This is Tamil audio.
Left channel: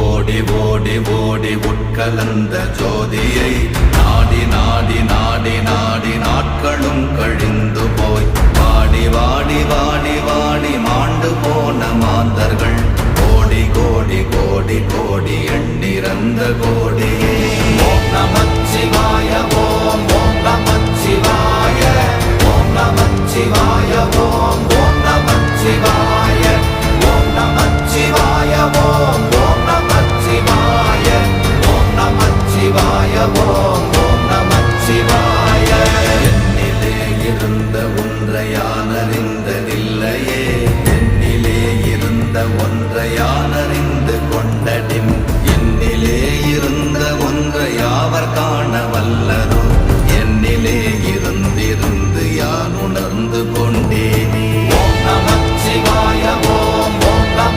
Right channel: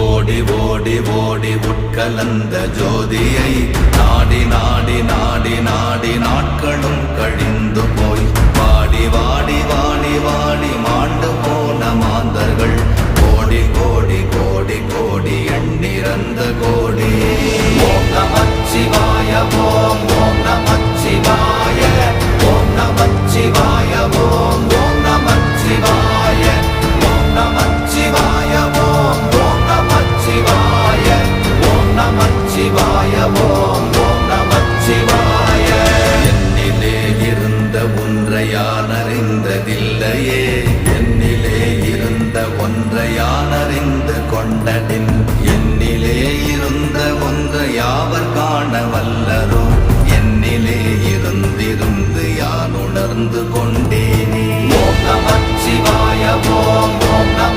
ஓடி ஓடி ஓடி உட்கலந்த ஜோதியை நாடி நாடி நாடி நாடி நாட்களும் கழிந்து போய் வாடி வாடி வாடி வாடி மாண்டு போன மாந்தர்கள் கோடி கோடி கோடி கோடி எண்ணிறந்த கோடியே. ஓம் நமச்சிவாய ஓம் ஓம் நமச்சிவாய ஓம் நமச்சிவாய ஓம் ஓம் நமச்சிவாய ஓம் நமச்சிவாய ஓம் ஓம் நமச்சிவாய ஓம் நமச்சிவாய ஓம் ஓம் நமச்சிவாய. என்னிலே இருந்த ஒன்றை யான் அறிந்ததில்லையே, என்னிலே இருந்த ஒன்றை யான் அறிந்து கொண்டடின், என்னிலே இருந்த ஒன்றை யாவர் காண வல்லரோ, என்னிலே இருந்திருந்து யான் உணர்ந்து கொண்டேன்.